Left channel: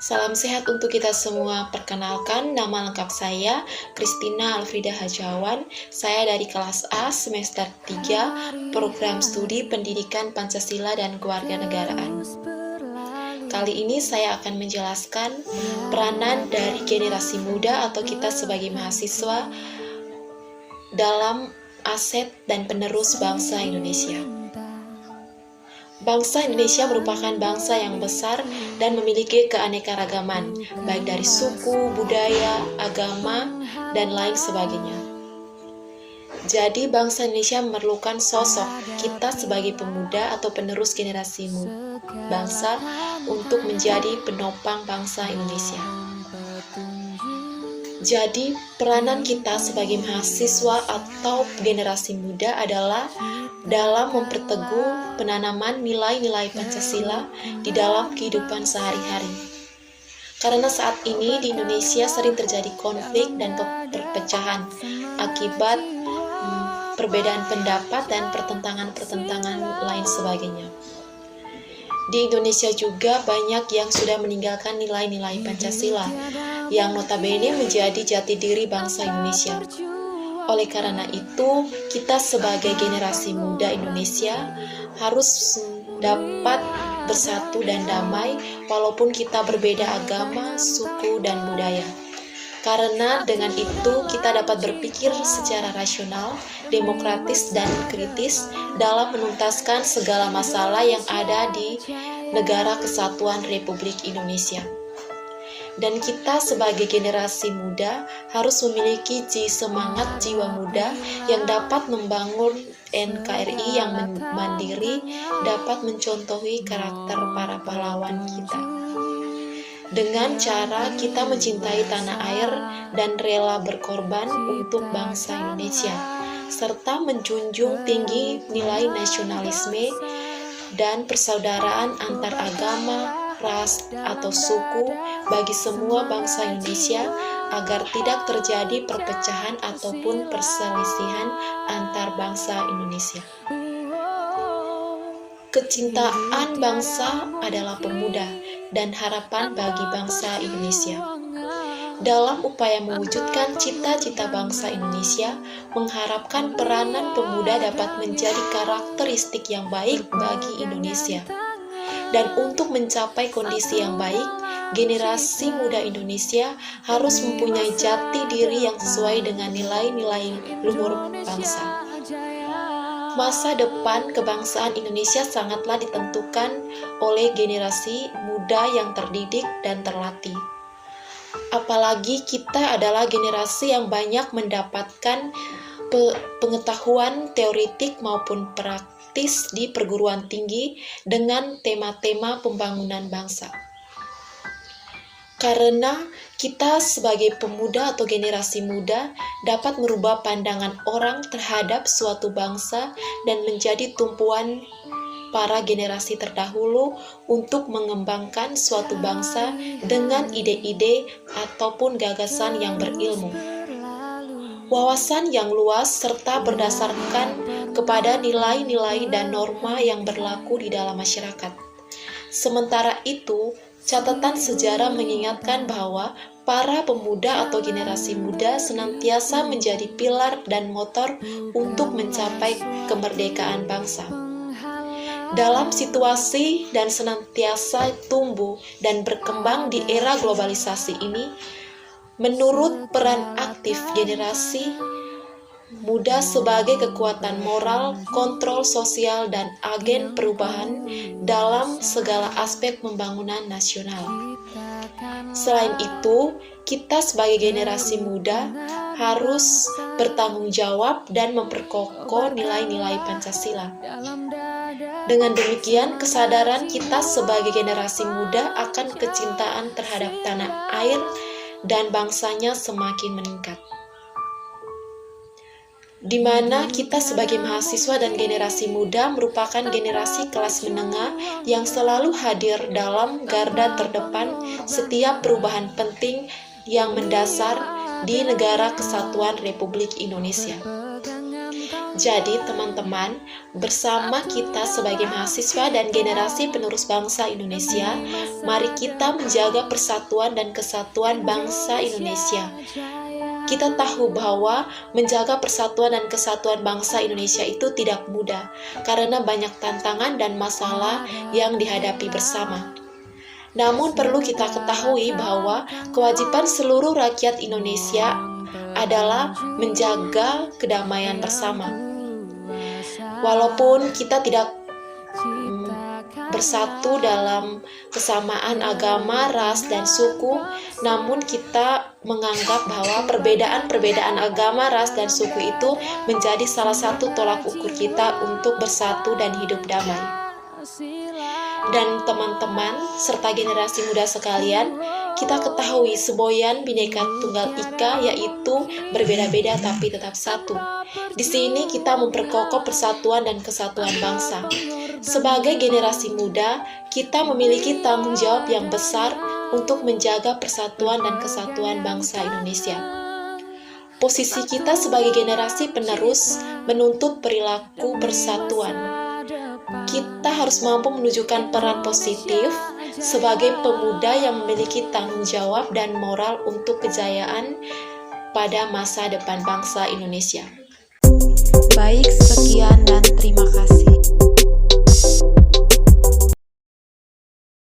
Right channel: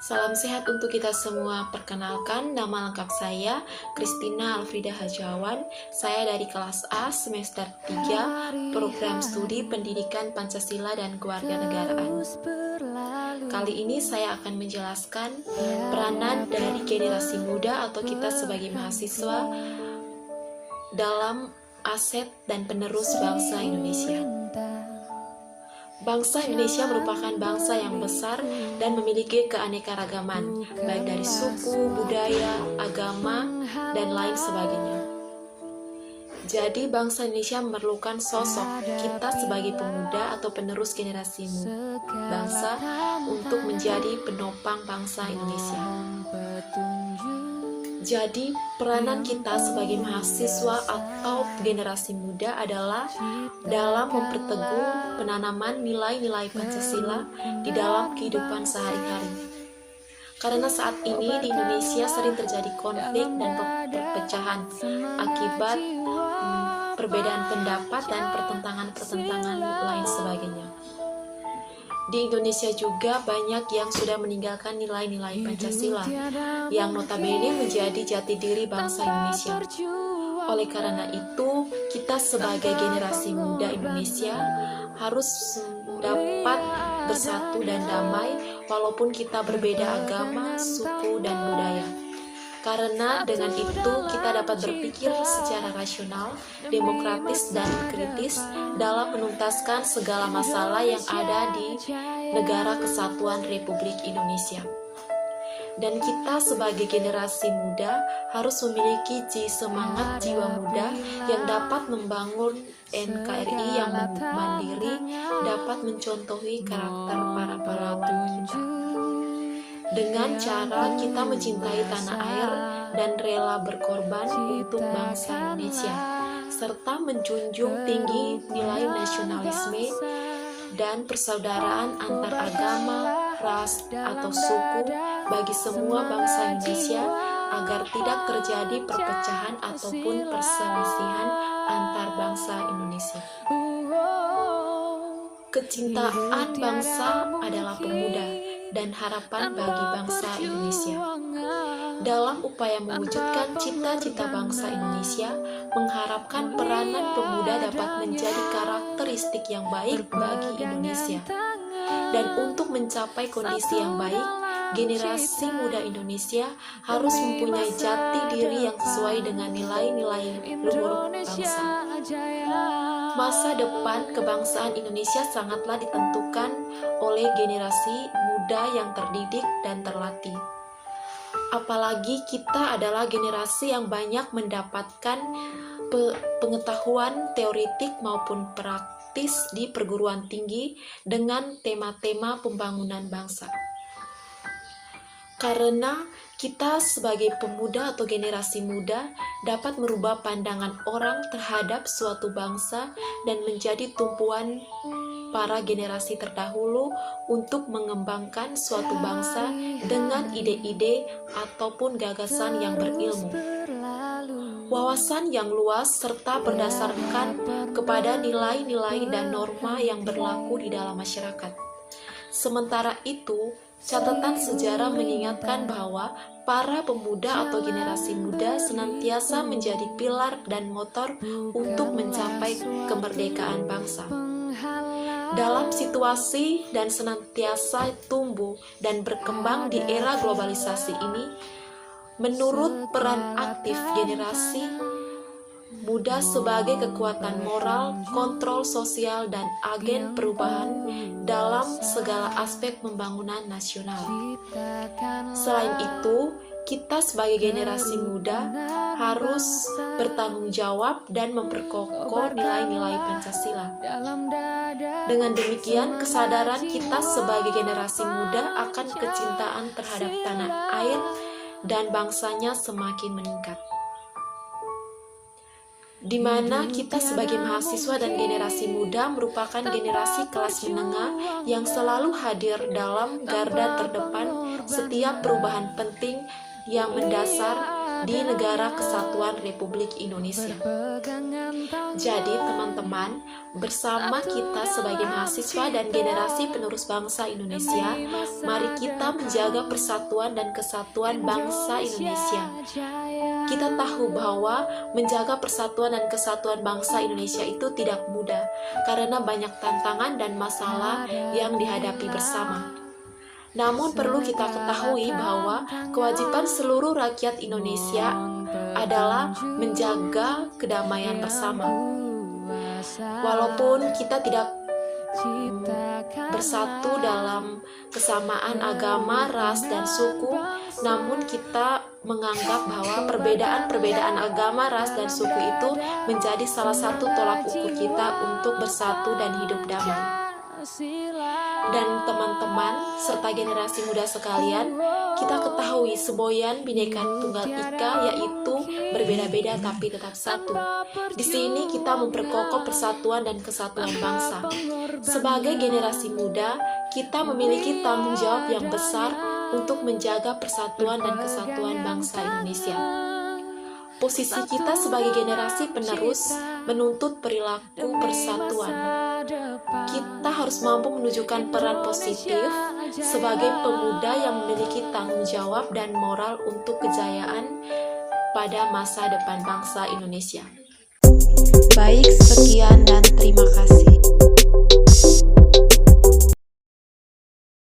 Salam sehat untuk kita semua. Perkenalkan, nama lengkap saya Christina Alfrida Hajawan. Saya dari kelas A semester 3, program studi Pendidikan Pancasila dan Kewarganegaraan. Kali ini saya akan menjelaskan peranan dari generasi muda atau kita sebagai mahasiswa dalam aset dan penerus bangsa Indonesia. Bangsa Indonesia merupakan bangsa yang besar dan memiliki keanekaragaman, baik dari suku, budaya, agama, dan lain sebagainya. Jadi, bangsa Indonesia memerlukan sosok kita sebagai pemuda atau penerus generasi bangsa untuk menjadi penopang bangsa Indonesia. Jadi, peranan kita sebagai mahasiswa atau generasi muda adalah dalam memperteguh penanaman nilai-nilai Pancasila di dalam kehidupan sehari-hari. Karena saat ini di Indonesia sering terjadi konflik dan perpecahan akibat perbedaan pendapat dan pertentangan-pertentangan lain sebagainya. Di Indonesia juga banyak yang sudah meninggalkan nilai-nilai Pancasila yang notabene menjadi jati diri bangsa Indonesia. Oleh karena itu, kita sebagai generasi muda Indonesia harus dapat bersatu dan damai walaupun kita berbeda agama, suku, dan budaya. Karena dengan itu kita dapat berpikir secara rasional, demokratis, dan kritis dalam menuntaskan segala masalah yang ada di Negara Kesatuan Republik Indonesia. Dan kita sebagai generasi muda harus memiliki semangat jiwa muda yang dapat membangun NKRI yang mandiri, dapat mencontohi karakter para pahlawan kita. Dengan cara kita mencintai tanah air dan rela berkorban untuk bangsa Indonesia, serta menjunjung tinggi nilai nasionalisme dan persaudaraan antar agama, ras, atau suku bagi semua bangsa Indonesia agar tidak terjadi perpecahan ataupun perselisihan antar bangsa Indonesia. Kecintaan bangsa adalah pemuda dan harapan bagi bangsa Indonesia. Dalam upaya mewujudkan cita-cita bangsa Indonesia, mengharapkan peranan pemuda dapat menjadi karakteristik yang baik bagi Indonesia. Dan untuk mencapai kondisi yang baik, generasi muda Indonesia harus mempunyai jati diri yang sesuai dengan nilai-nilai luhur bangsa. Masa depan kebangsaan Indonesia sangatlah ditentukan oleh generasi muda yang terdidik dan terlatih. Apalagi kita adalah generasi yang banyak mendapatkan pengetahuan teoritik maupun praktis di perguruan tinggi dengan tema-tema pembangunan bangsa. Karena kita sebagai pemuda atau generasi muda dapat merubah pandangan orang terhadap suatu bangsa dan menjadi tumpuan para generasi terdahulu untuk mengembangkan suatu bangsa dengan ide-ide ataupun gagasan yang berilmu. Wawasan yang luas serta berdasarkan kepada nilai-nilai dan norma yang berlaku di dalam masyarakat. Sementara itu, catatan sejarah mengingatkan bahwa para pemuda atau generasi muda senantiasa menjadi pilar dan motor untuk mencapai kemerdekaan bangsa. Dalam situasi dan senantiasa tumbuh dan berkembang di era globalisasi ini, menurut peran aktif generasi muda sebagai kekuatan moral, kontrol sosial, dan agen perubahan dalam segala aspek pembangunan nasional. Selain itu, kita sebagai generasi muda harus bertanggung jawab dan memperkokoh nilai-nilai Pancasila. Dengan demikian, kesadaran kita sebagai generasi muda akan kecintaan terhadap tanah air dan bangsanya semakin meningkat. Di mana kita sebagai mahasiswa dan generasi muda merupakan generasi kelas menengah yang selalu hadir dalam garda terdepan setiap perubahan penting yang mendasar di Negara Kesatuan Republik Indonesia. Jadi teman-teman, bersama kita sebagai mahasiswa dan generasi penerus bangsa Indonesia, mari kita menjaga persatuan dan kesatuan bangsa Indonesia. Kita tahu bahwa menjaga persatuan dan kesatuan bangsa Indonesia itu tidak mudah, karena banyak tantangan dan masalah yang dihadapi bersama. Namun perlu kita ketahui bahwa kewajiban seluruh rakyat Indonesia adalah menjaga kedamaian bersama. Walaupun kita tidak bersatu dalam kesamaan agama, ras, dan suku, namun kita menganggap bahwa perbedaan agama, ras, dan suku itu menjadi salah satu tolak ukur kita untuk bersatu dan hidup damai. Dan teman-teman serta generasi muda sekalian, kita ketahui semboyan Bhinneka Tunggal Ika, yaitu berbeda-beda tapi tetap satu. Di sini kita memperkokoh persatuan dan kesatuan bangsa. Sebagai generasi muda, kita memiliki tanggung jawab yang besar untuk menjaga persatuan dan kesatuan bangsa Indonesia. Posisi kita sebagai generasi penerus menuntut perilaku persatuan. Kita harus mampu menunjukkan peran positif sebagai pemuda yang memiliki tanggung jawab dan moral untuk kejayaan pada masa depan bangsa Indonesia. Baik, sekian dan terima kasih.